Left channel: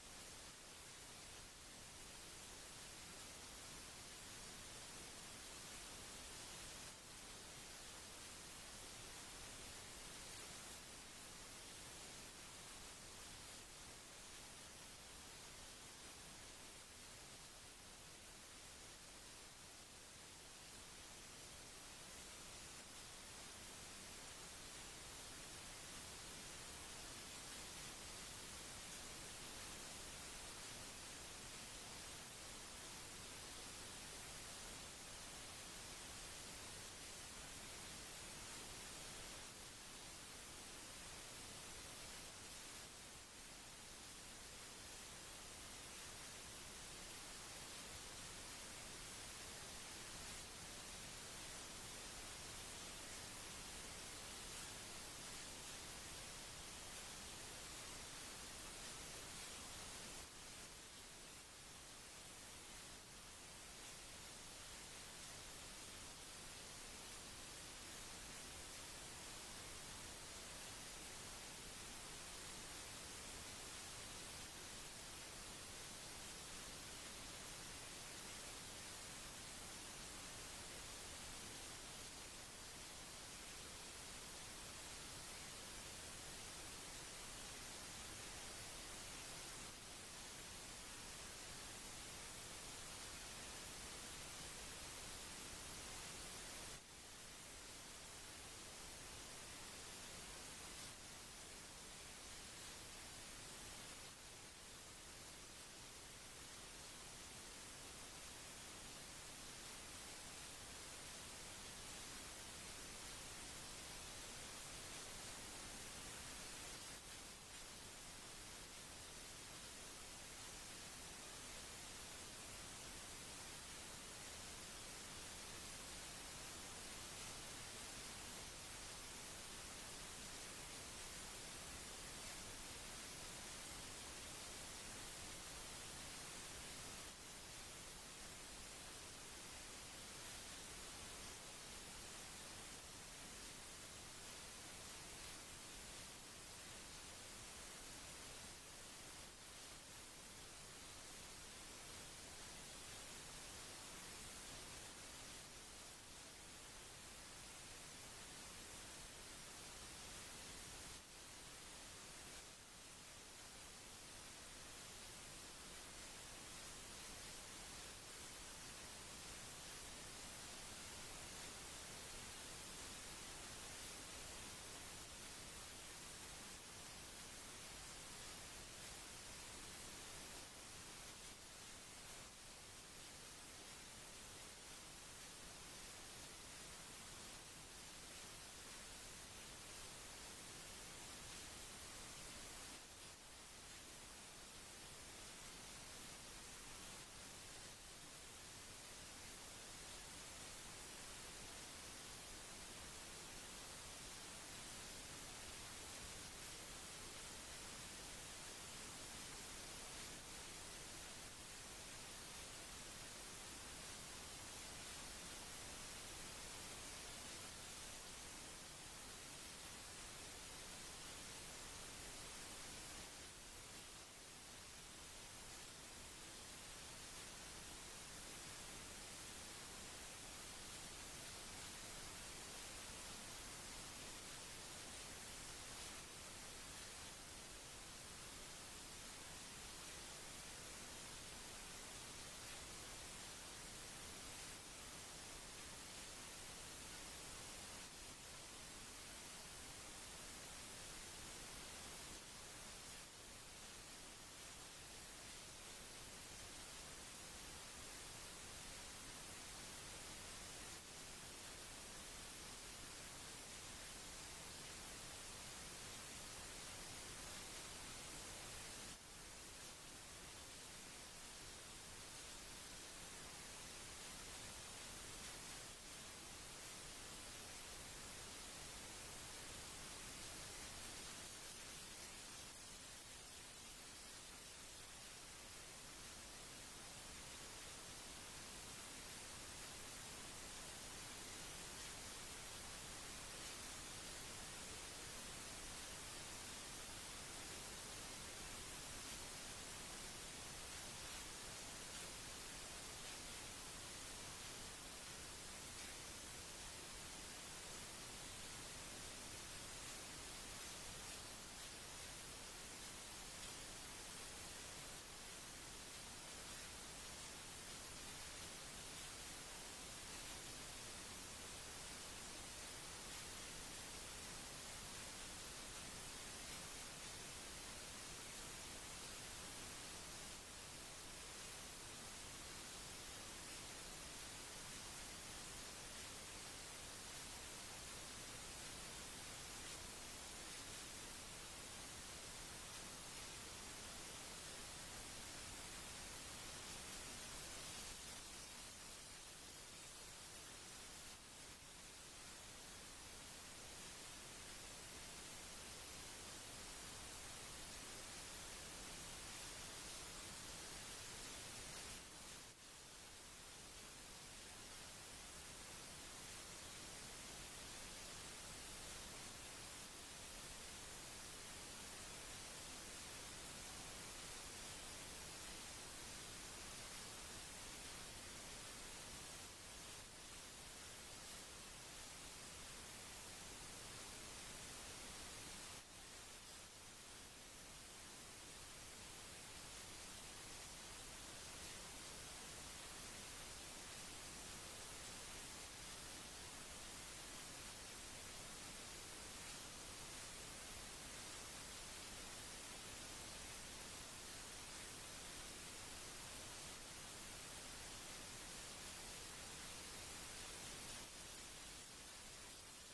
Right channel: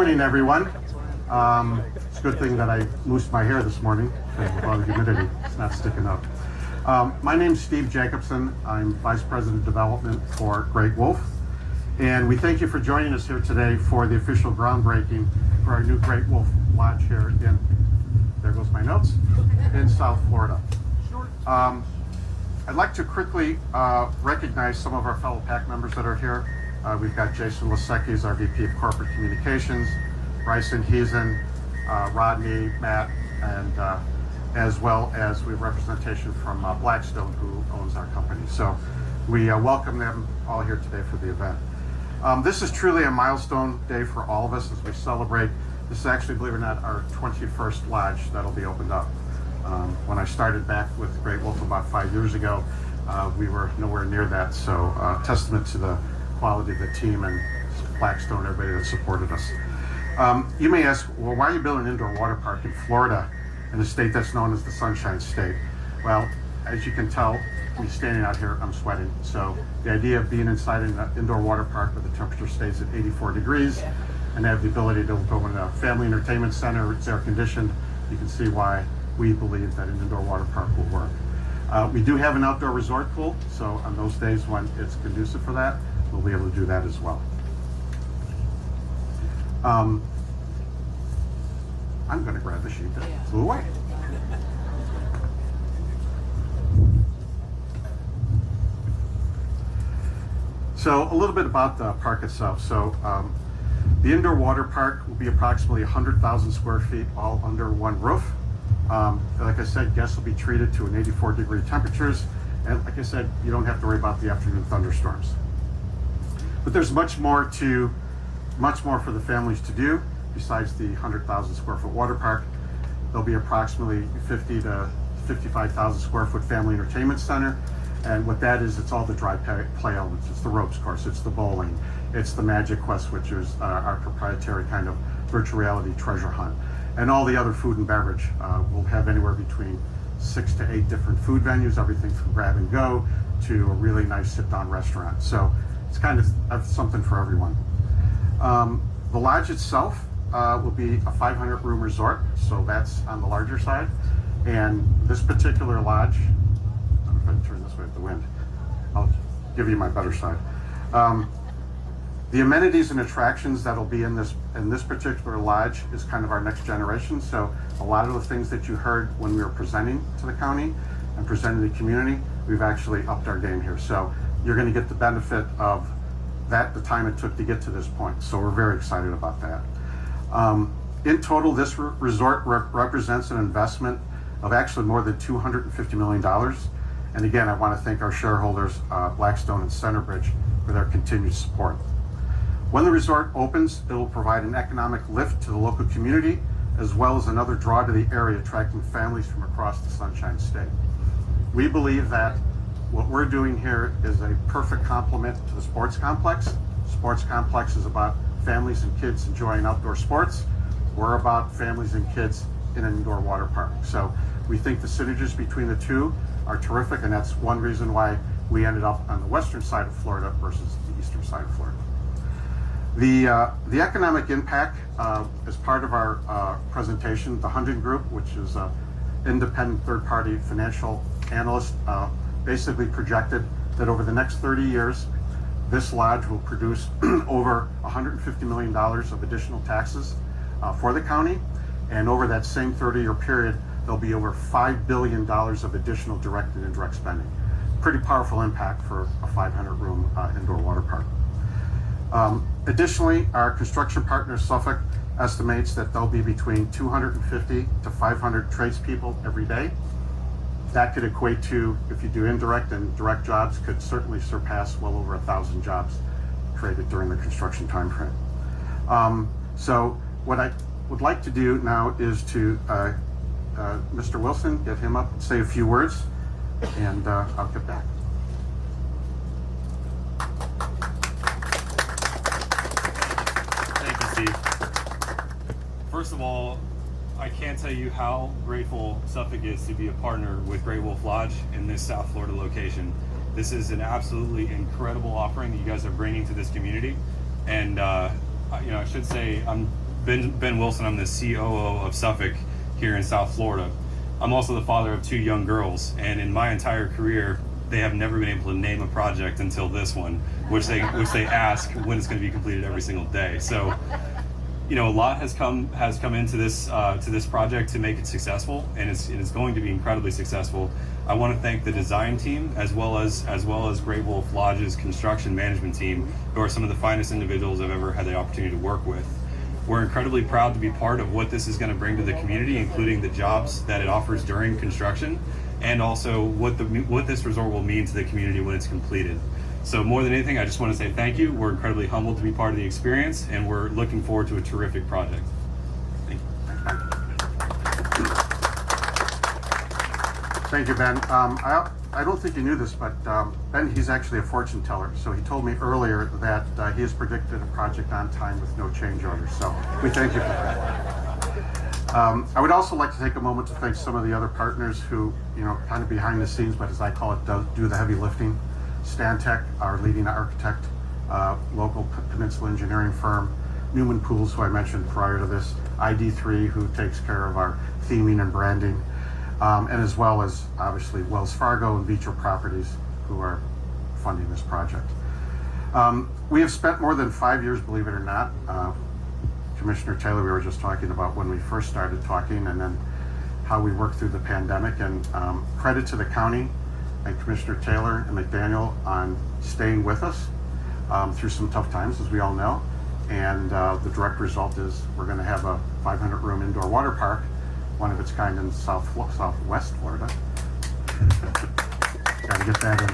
morning, everyone. It's a good thing that I moosed my hair this morning because of all the humidity. It's not sticking up. My name's Steve Jacobson. I'm Vice President of Development for Great Wolf. And we thank you for joining us here today for the official groundbreaking for our new Great Wolf Lodge here in, there goes my notes, in South Florida. I'd like to quickly recognize some of our fellow PAC members that are here. We've got Jason Lasecki, our VP of Corporate Communications, Bryson Heason, Rodney, Matt, and as well as we have representation from Blackstone, who owns our company. So we welcome them all here today for the event. This is truly a milestone day for all of us as we celebrate. This is actually, believe it or not, our 21st lodge that'll be opened up. When I started back with Great Wolf about 5 years ago, we were nowhere near that. So testament to the quality of the team and Blackstone, everybody that supported us. You may ask, well, why are you building an indoor water park in Florida, in a state that's known as the Sunshine State? Well, as you can tell, me standing out here, I'm sweating. So the idea of being inside an indoor water park where the temperature stays at 84 degrees and have the ability to go in a family entertainment center, it's air conditioned, you can see why we believe that an indoor water park will work. We do have an outdoor resort pool, so on those days when it's conducive for that, we'll be able to do that as well. I'm going to grab the sheet that flew away. So a little bit about the park itself. So the indoor water park will be approximately 100,000 square feet, all under one roof. Like I said, guests will be treated to an 84-degree temperatures, and like I said, you don't have to worry about the afternoon thunderstorms. But there's much more for the families to do besides the 100,000 square foot water park. There'll be approximately 50 to 55,000 square foot family entertainment center, and what that is, it's all the dry play elements. It's the ropes course, it's the bowling, it's the Magic Quest, which is our proprietary kind of virtual reality treasure hunt. And all the other food and beverage. We'll have anywhere between 6 to 8 different food venues, everything from grab and go to a really nice sit-down restaurant. So it's kind of something for everyone. The lodge itself will be a 500-room resort, so that's on the larger side. And this particular lodge, I'm going to turn this way with the wind. I'll give you my better side. The amenities and attractions that'll be in this particular lodge is kind of our next generation. So a lot of the things that you heard when we were presenting to the county and presenting to the community, we've actually upped our game here. So you're going to get the benefit of that, the time it took to get to this point. So we're very excited about that. In total, this resort represents an investment of actually more than $250 million. And again, I want to thank our shareholders, Blackstone and Centerbridge, for their continued support. When the resort opens, it will provide an economic lift to the local community, as well as another draw to the area, attracting families from across the Sunshine State. We believe that what we're doing here is a perfect complement to the sports complex. Sports complex is about families and kids enjoying outdoor sports. We're about families and kids in an indoor water park. So we think the synergies between the two are terrific, and that's one reason why we ended up on the western side of Florida versus the eastern side of Florida. The economic impact, as part of our presentation, the Hundred Group, which is an independent third-party financial analyst, basically projected that over the next 30 years, this lodge will produce over $150 million of additional taxes for the county, and over that same 30-year period, there'll be over $5 billion of additional direct and indirect spending. Pretty powerful impact for a 500-room indoor water park. Additionally, our construction partner, Suffolk, estimates that there'll be between 250 to 500 tradespeople every day. That could equate to, if you do indirect and direct jobs, could certainly surpass well over 1,000 jobs created during the construction time frame. So what I would like to do now is to Mr. Wilson, get him up and say a few words, and I'll get back. First of all, I can't tell you how grateful Suffolk is to be a partner with Great Wolf Lodge in this South Florida location. This is an absolutely incredible offering that you guys are bringing to this community. And I should say I'm Ben Wilson. I'm the COO of Suffolk here in South Florida. I'm also the father of 2 young girls, and in my entire career, they have never been able to name a project until this one, which they ask when it's going to be completed every single day. So, you know, a lot has come into this project to make it successful, and it's going to be incredibly successful. I want to thank the design team as well as Great Wolf Lodge's construction management team, who are some of the finest individuals I've ever had the opportunity to work with. We're incredibly proud to be part of what this is going to bring to the community, including the jobs that it offers during construction, and also what this resort will mean to the community when it's completed. So more than anything, I just want to say thank you. We're incredibly humbled to be part of the experience, and we're looking forward to a terrific project. Thank you. Thank you, Ben. I don't think you knew this, but Ben, he's actually a fortune teller. So he told me earlier that he has predicted a project on time with no change orders. So we thank you for that. I would also like to take a moment to thank some of the other partners who, you know, kind of behind the scenes, but as I call it, do the heavy lifting. Stantec, our leading architect, local peninsula engineering firm, Newman Pools, who I mentioned prior to this, ID3, who takes care of our theming and branding, and as well as obviously Wells Fargo and Beecher Properties, who are funding this project. We have spent more than 5 years, believe it or not. Commissioner Taylor, we were just talking about when we first started talking, and then how we worked through the pandemic, and credit to the county and Commissioner Taylor and McDaniel on staying with us through some tough times, as we all know. And the direct result is we're going to have a 500-room indoor water park, one of its kind in Southwest Florida. Got to get that in.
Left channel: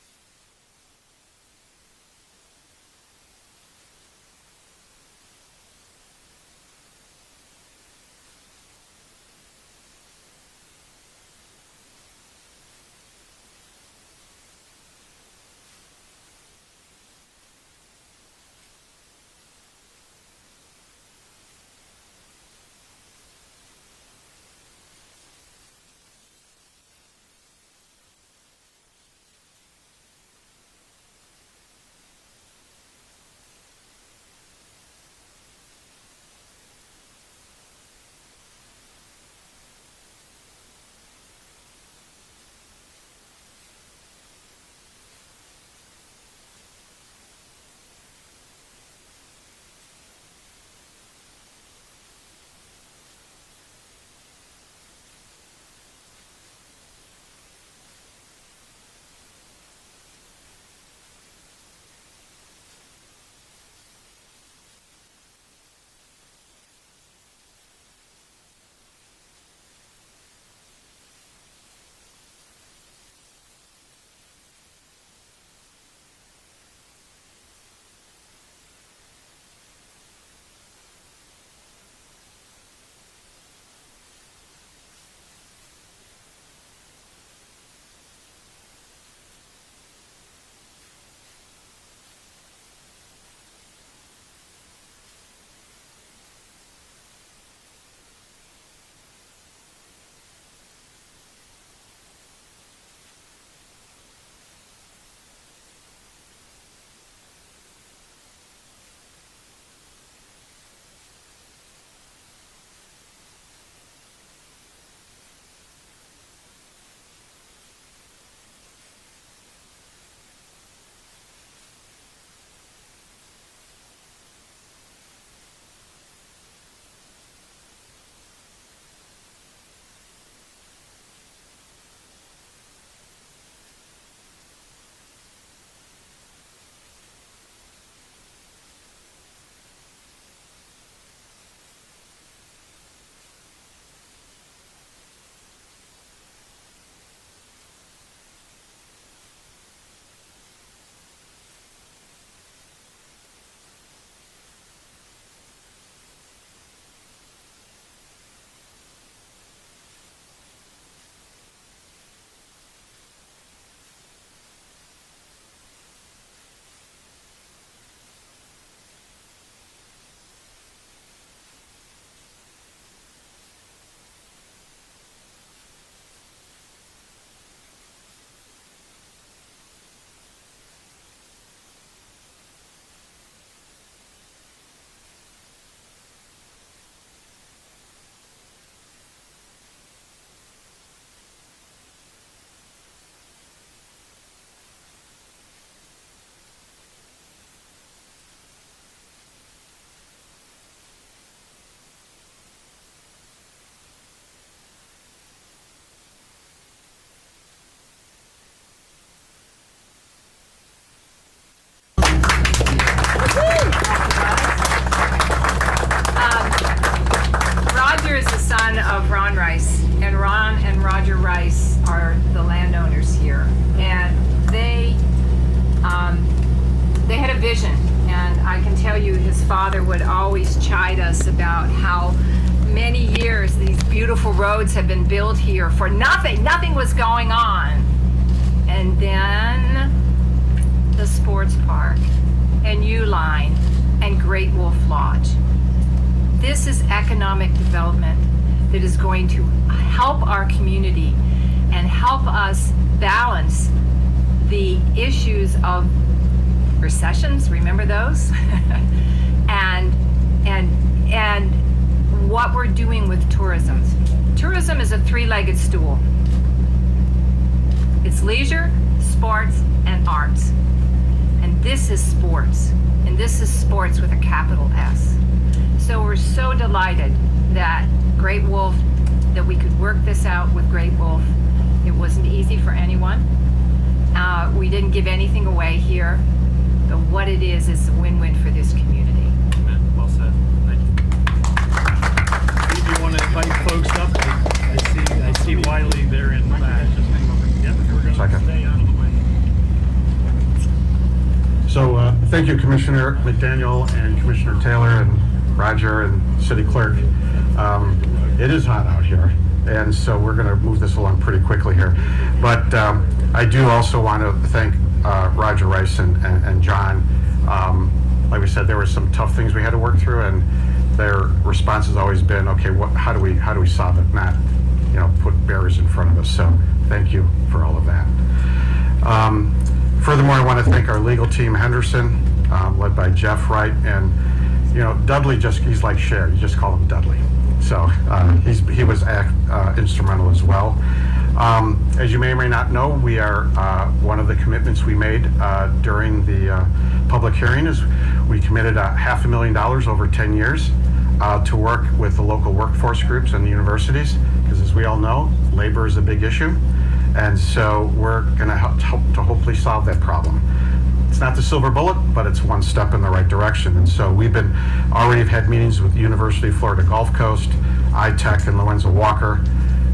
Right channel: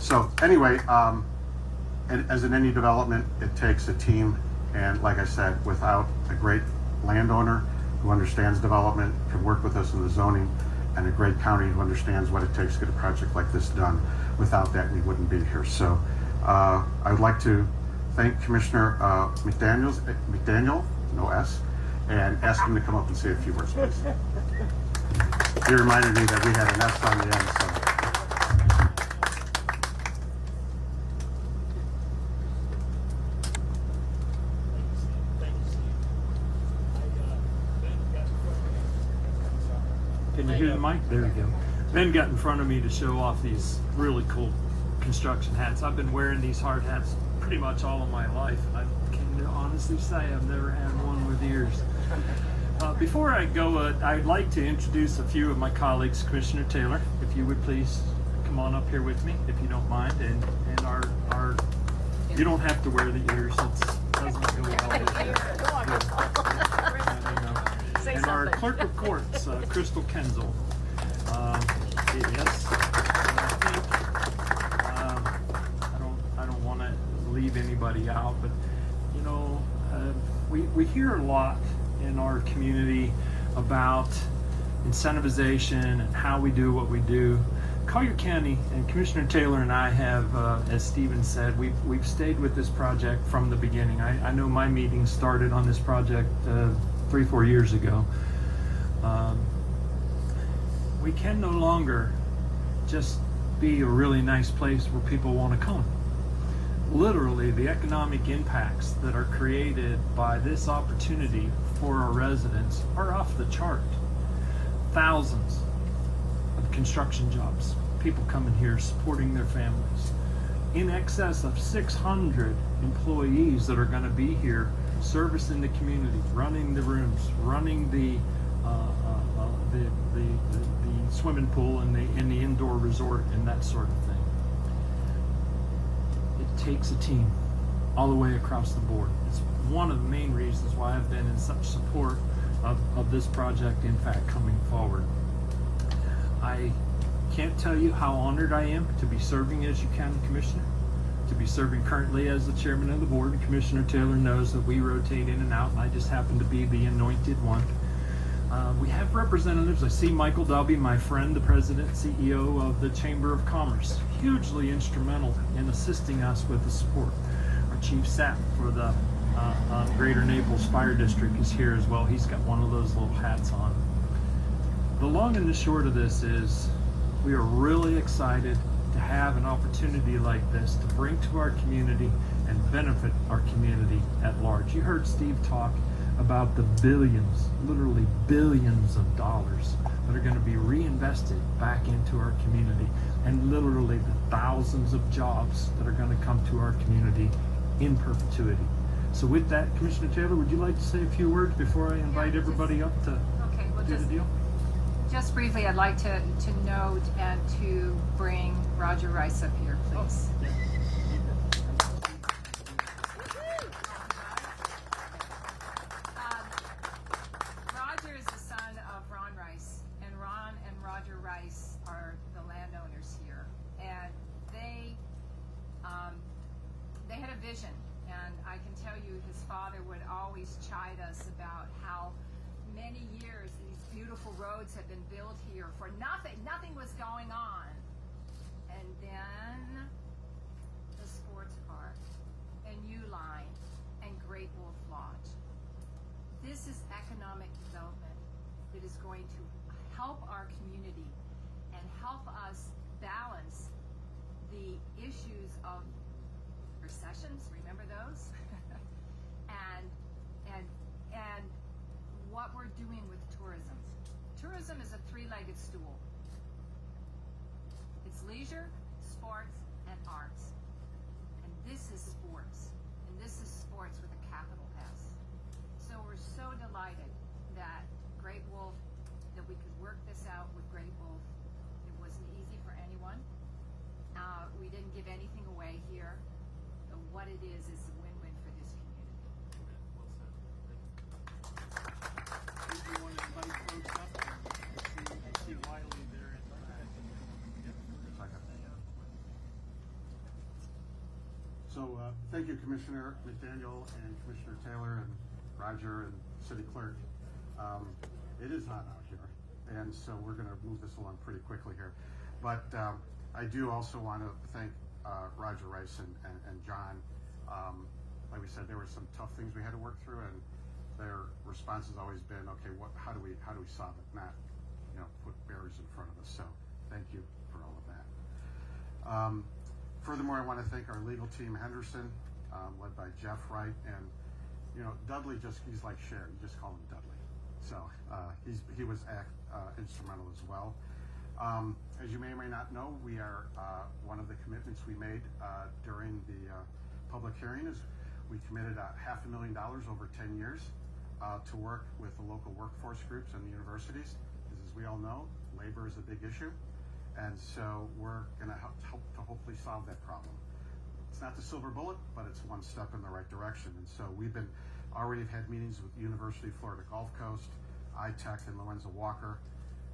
So anyway, and as in any development, it takes a team. And like I said, without a great landowner who understands development, can work with us in the zoning, and a great county who understands what it takes to get a project like this done, without that, we wouldn't be here. So I would like to thank Commissioner McDaniel, no S, and ask him to come up and say a few words, please. He reminded me that we had an S on the end, so. Can you hear the mic? There we go. Ben got in front of me to show off these really cool construction hats. I've been wearing these hard hats pretty much all of my life. I can honestly say I've never had one with ears. Before I go, I'd like to introduce a few of my colleagues. Commissioner Taylor, if you would please come on up here with me, if you don't mind. And our you don't have to wear the ears. It doesn't go well with you. And our clerk of courts, Crystal Kenzel. Yes. I don't want to leave anybody out, but you know, we hear a lot in our community about incentivization and how we do what we do. Collier County and Commissioner Taylor and I have, as Stephen said, we've stayed with this project from the beginning. I know my meeting started on this project 3-4 years ago. We can no longer just be a really nice place where people want to come. Literally, the economic impacts that are created by this opportunity for our residents are off the chart. Thousands of construction jobs, people coming here supporting their families. In excess of 600 employees that are going to be here servicing the community, running the rooms, running the swimming pool and the indoor resort and that sort of thing. It takes a team all the way across the board. It's one of the main reasons why I've been in such support of this project, in fact, coming forward. I can't tell you how honored I am to be serving as your county commissioner, to be serving currently as the chairman of the board. And Commissioner Taylor knows that we rotate in and out, and I just happen to be the anointed one. We have representatives. I see Michael Dubby, my friend, the president, CEO of the Chamber of Commerce, hugely instrumental in assisting us with the support. Our chief SAP for the Greater Naples Fire District is here as well. He's got one of those little hats on. The long and the short of this is we are really excited to have an opportunity like this to bring to our community and benefit our community at large. You heard Steve talk about the billions, literally billions of dollars that are going to be reinvested back into our community, and literally the thousands of jobs that are going to come to our community in perpetuity. So with that, Commissioner Taylor, would you like to say a few words before I invite everybody up to Okay, well, do the deal? just briefly, I'd like to note and to bring Roger Rice up here, please. Roger is the son of Ron Rice, and Ron and Roger Rice are the landowners here, and they had a vision, and I can tell you his father would always chide us about how many years these beautiful roads have been built here for nothing was going on, and then the sports park and U-Line and Great Wolf Lodge. This is economic development that is going to help our community and help us balance the issues of recessions, remember those? and what we're doing with tourism. Tourism is a three-legged stool. It's leisure, sports, and arts. And this is sports. And this is sports with a capital S. So we're so delighted that Great Wolf, that we could work this out with Great Wolf. It wasn't easy for anyone. We didn't give anything away here, but what it is a win-win for this community. Amen. Well said. Thank you. Steve, you want to invite folks up? I see Wiley there in the back. Yep, we're going to Second. stay out of the way. So thank you, Commissioner McDaniel and Commissioner Taylor and Roger and City Clerk. It is hot out here, and so we're going to move this along pretty quickly here. But I do also want to thank Roger Rice and John. Like we said, there were some tough things we had to work through, and their response has always been, okay, how do we solve it? Not, put barriers in front of us. So thank you for all of that. Furthermore, I want to thank our legal team, Henderson, led by Jeff Wright, and Dudley. He's like Cher. You just call him Dudley. So he was instrumental as well. As you may or may not know, we are one of the commitments we made during the public hearing is we committed $500,000 over 10 years to work with the local workforce groups and the universities, because as we all know, labor is a big issue, and so we're going to help to hopefully solve that problem. It's not the silver bullet, but it's one step in the right direction. And so we've already had meetings with the University of Florida Gulf Coast, iTech, and Lorenzo Walker,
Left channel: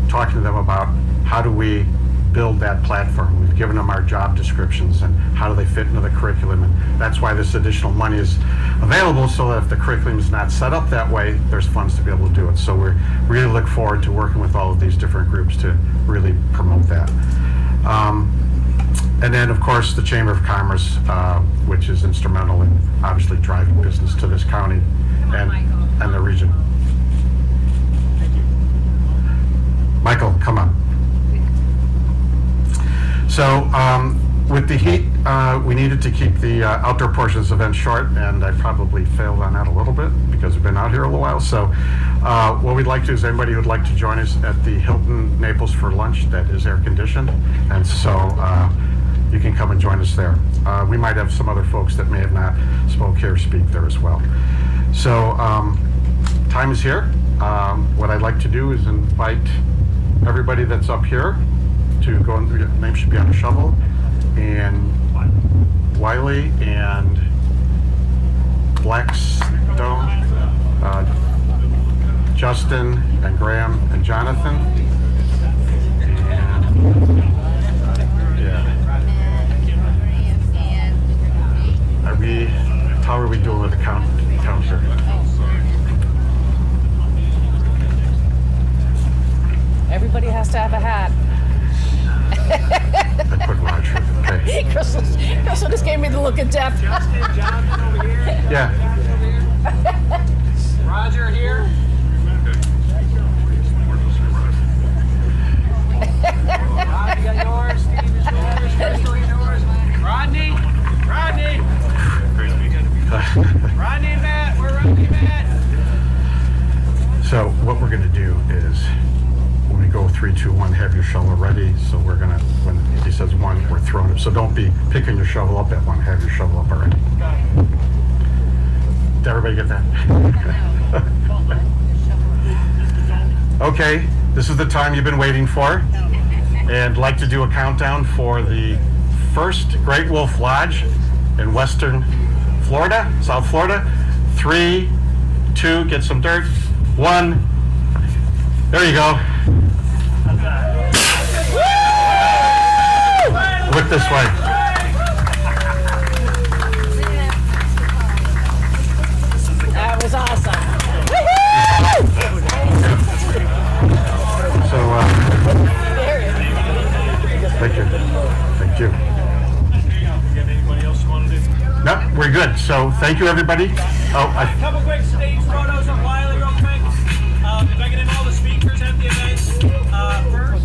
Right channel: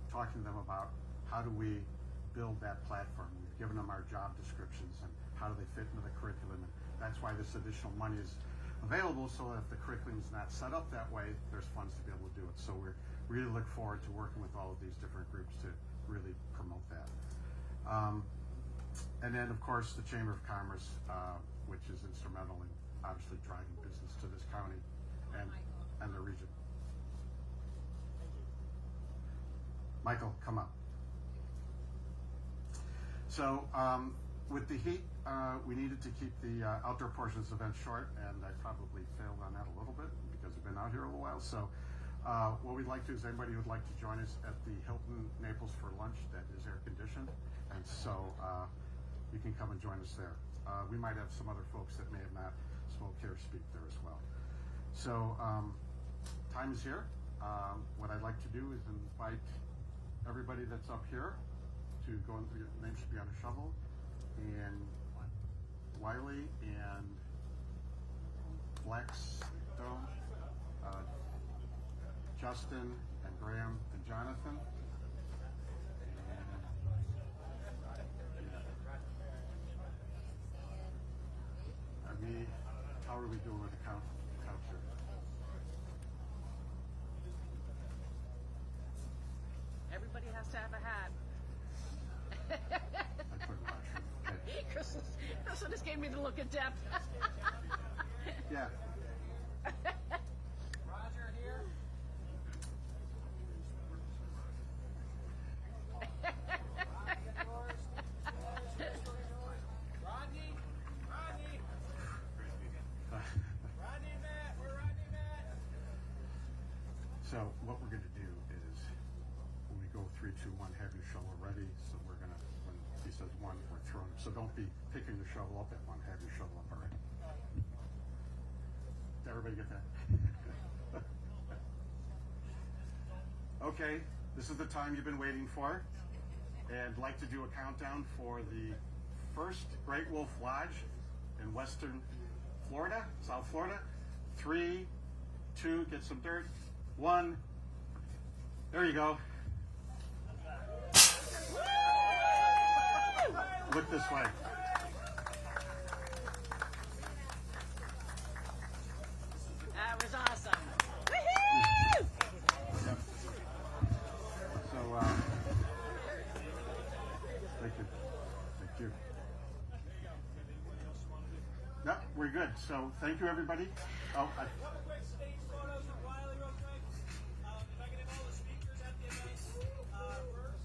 talking to them about how do we build that platform. We've given them our job descriptions and how do they fit into the curriculum. And that's why this additional money is available, so that if the curriculum is not set up that way, there's funds to be able to do it. So we really look forward to working with all of these different groups to really promote that. And then, of course, the Chamber of Commerce, which is instrumental in obviously driving business to this county and the region. Thank you. Michael, come on. So with the heat, we needed to keep the outdoor portions of the event short, and I probably failed on that a little bit because we've been out here a little while. So what we'd like to is anybody who'd like to join us at the Hilton Naples for lunch that is air conditioned, and so you can come and join us there. We might have some other folks that may have not spoke here speak there as well. So time is here. What I'd like to do is invite everybody that's up here to go, and your name should be on a shovel, and Wiley and Blackstone, Justin and Graham and Jonathan, and how are we doing with the count here? Everybody has to have a hat. I put Roger. Okay. Crystal just gave me the look of death. Justin, Jonathan over here. Yeah. Roger here. Rob, you got yours. Steve is yours. Crystal is yours. Rodney. So what we're gonna do is, when we go 3, 2, 1, have your shovel ready. So we're gonna, when he says 1, we're throwing it. So don't be picking your shovel up at 1, have your shovel up already. Did everybody get that? Okay, this is the time you've been waiting for. And I'd like to do a countdown for the first Great Wolf Lodge in Western Florida, South Florida. 3, 2, get some dirt. 1, there you go. Look this way. That was awesome. So, thank you. Thank you. Anybody else want to do? Nope, we're good. So, thank you, everybody. Oh, A couple quick stage photos of Wiley real quick. If I can have all the speakers at the event first.